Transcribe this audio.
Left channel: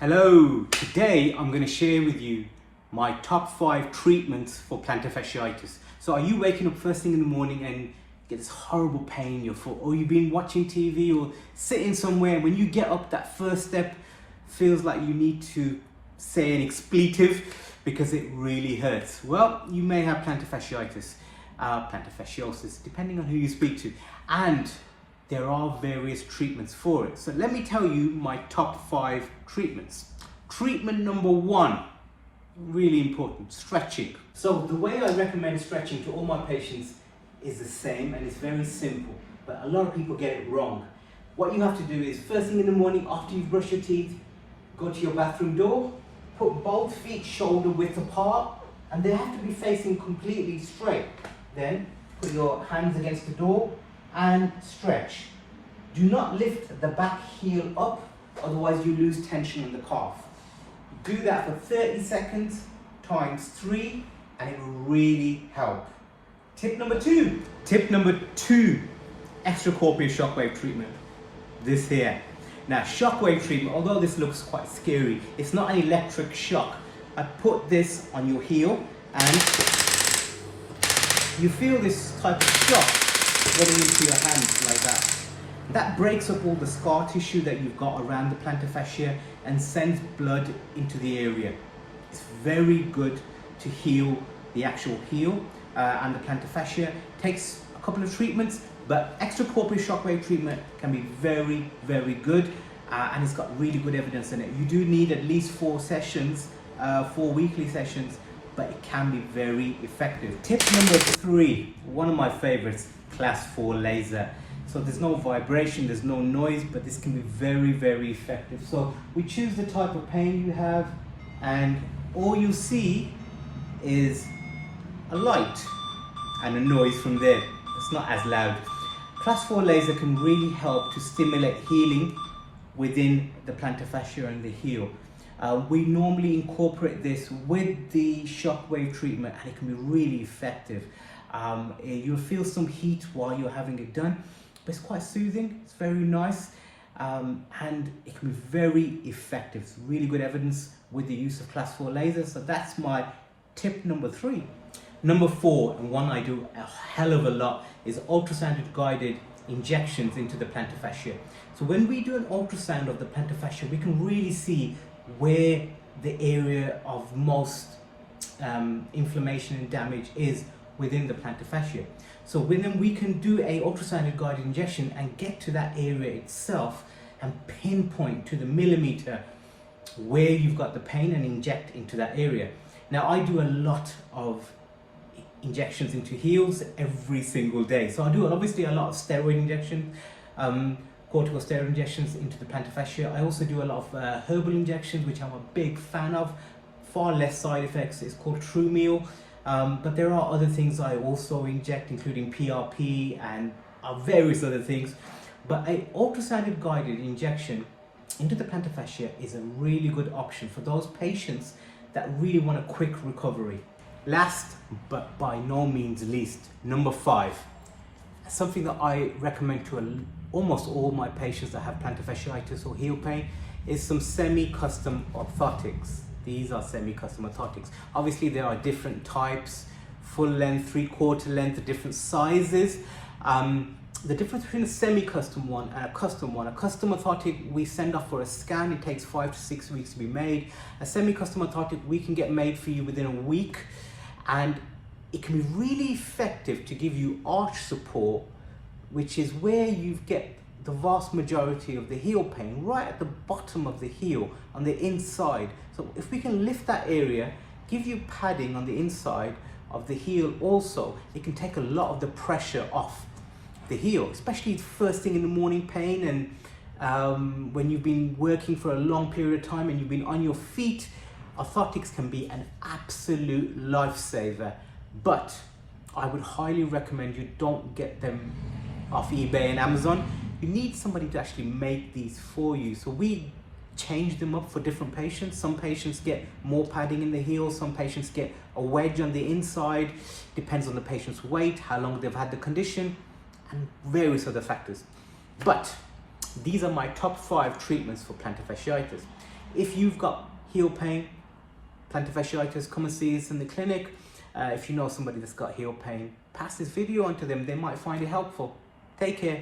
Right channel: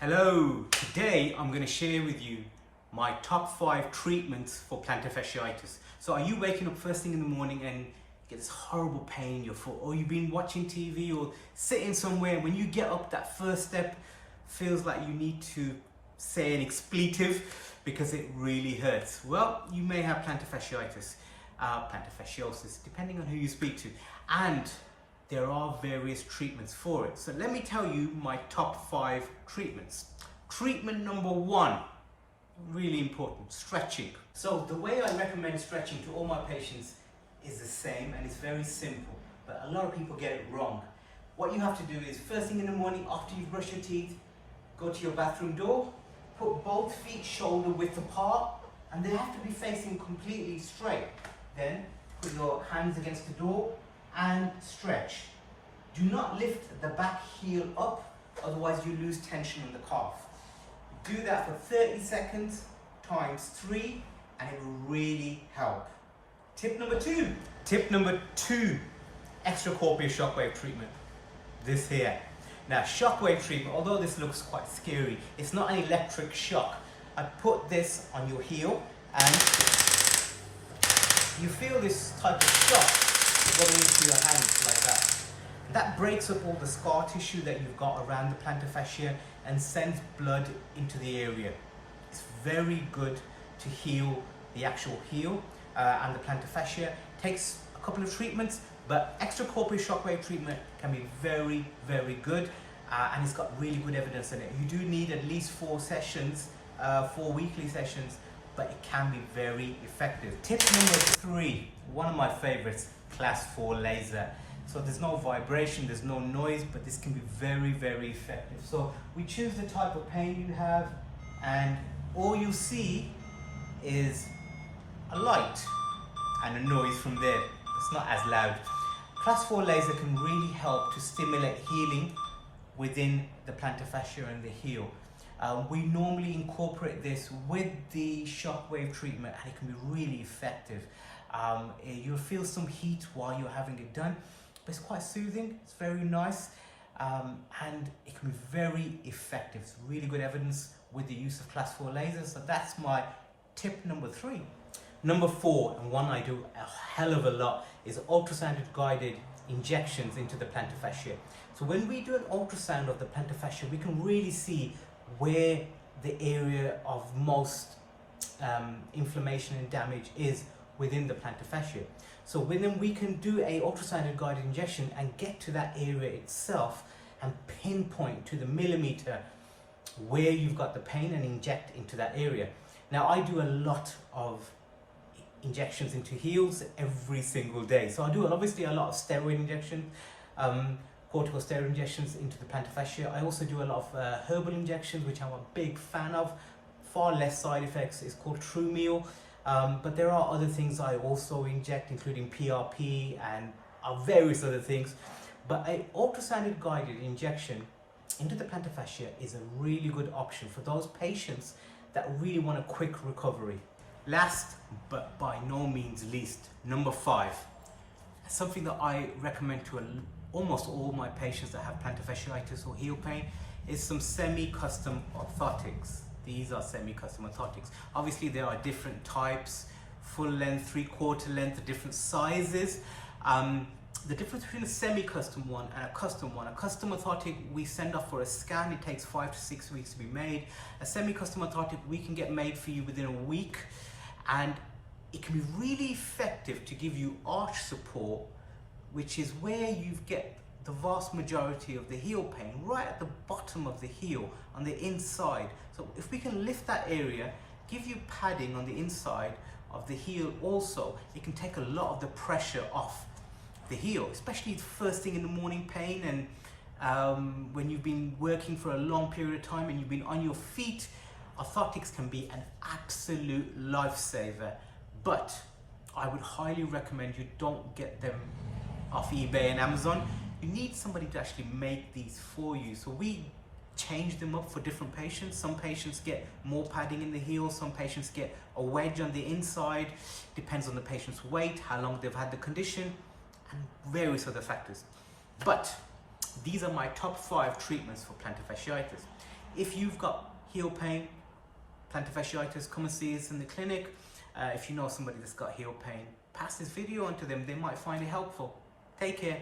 Hello, today I'm going to share with you my top 5 treatments for plantar fasciitis. So are you waking up first thing in the morning and get this horrible pain in your foot, or you've been watching TV or sitting somewhere and when you get up, that first step feels like you need to say an expletive because it really hurts? Well, you may have plantar fasciitis, plantar fasciosis, depending on who you speak to, and there are various treatments for it. So let me tell you my top 5 treatments. Treatment number 1, really important, stretching. So the way I recommend stretching to all my patients is the same, and it's very simple, but a lot of people get it wrong. What you have to do is, first thing in the morning after you brush your teeth, go to your bathroom door, put both feet shoulder width apart, and they have to be facing completely straight. Then put your hands against the door and stretch. Do not lift the back heel up, otherwise you lose tension in the calf. Do that for 30 seconds times 3 and it will really help. Tip number 2. Tip number 2, extracorporeal shockwave treatment. This here. Now, shockwave treatment, although this looks quite scary, it's not an electric shock. I put this on your heel and you feel this type of shock getting into your hands like that. That breaks up all the scar tissue that you've got around the plantar fascia and sends blood into the area. It's very good to heal the actual heel and the plantar fascia. It takes a couple of treatments, but extracorporeal shockwave treatment can be very, very good, and it's got really good evidence in it. You do need at least 4 sessions, 4 weekly sessions, but it can be very effective. Tip number 3, one of my favorites, class 4 laser. So there's no vibration, there's no noise, but this can be very, very effective. So we choose the type of pain you have, and all you see is a light and a noise from there. It's not as loud. Class 4 laser can really help to stimulate healing within the plantar fascia and the heel. We normally incorporate this with the shockwave treatment, and it can be really effective. You'll feel some heat while you're having it done, but it's quite soothing, it's very nice, and it can be very effective. It's really good evidence with the use of class 4 laser. So that's my tip number 3. Number 4, and one I do a hell of a lot, is ultrasound guided injections into the plantar fascia. So when we do an ultrasound of the plantar fascia, we can really see where the area of most inflammation and damage is within the plantar fascia. So then we can do a ultrasound guided injection and get to that area itself and pinpoint to the millimeter where you've got the pain and inject into that area. Now, I do a lot of injections into heels every single day. So I do obviously a lot of steroid injections, corticosteroid injections into the plantar fascia. I also do a lot of herbal injections, which I'm a big fan of. Far less side effects. It's called True Meal. But there are other things I also inject, including PRP and various other things. But an ultrasound guided injection into the plantar fascia is a really good option for those patients that really want a quick recovery. Last, but by no means least, number 5, something that I recommend to almost all my patients that have plantar fasciitis or heel pain, is some semi-custom orthotics. These are semi-custom orthotics. Obviously there are different types, full length, 3/4 length, different sizes. The difference between a semi-custom one and a custom one. A custom orthotic we send off for a scan. It takes 5 to 6 weeks to be made. A semi-custom orthotic we can get made for you within a week, and it can be really effective to give you arch support, which is where you get the vast majority of the heel pain, right at the bottom of the heel on the inside. So if we can lift that area, give you padding on the inside of the heel also, it can take a lot of the pressure off the heel, especially first thing in the morning pain, and when you've been working for a long period of time and you've been on your feet. Orthotics can be an absolute lifesaver, but I would highly recommend you don't get them off eBay and Amazon. You need somebody to actually make these for you. So we change them up for different patients. Some patients get more padding in the heel, some patients get a wedge on the inside, depends on the patient's weight, how long they've had the condition, and various other factors. But these are my top 5 treatments for plantar fasciitis. If you've got heel pain, plantar fasciitis, come and see us in the clinic. If you know somebody that's got heel pain, pass this video on to them. They might find it helpful. Take care.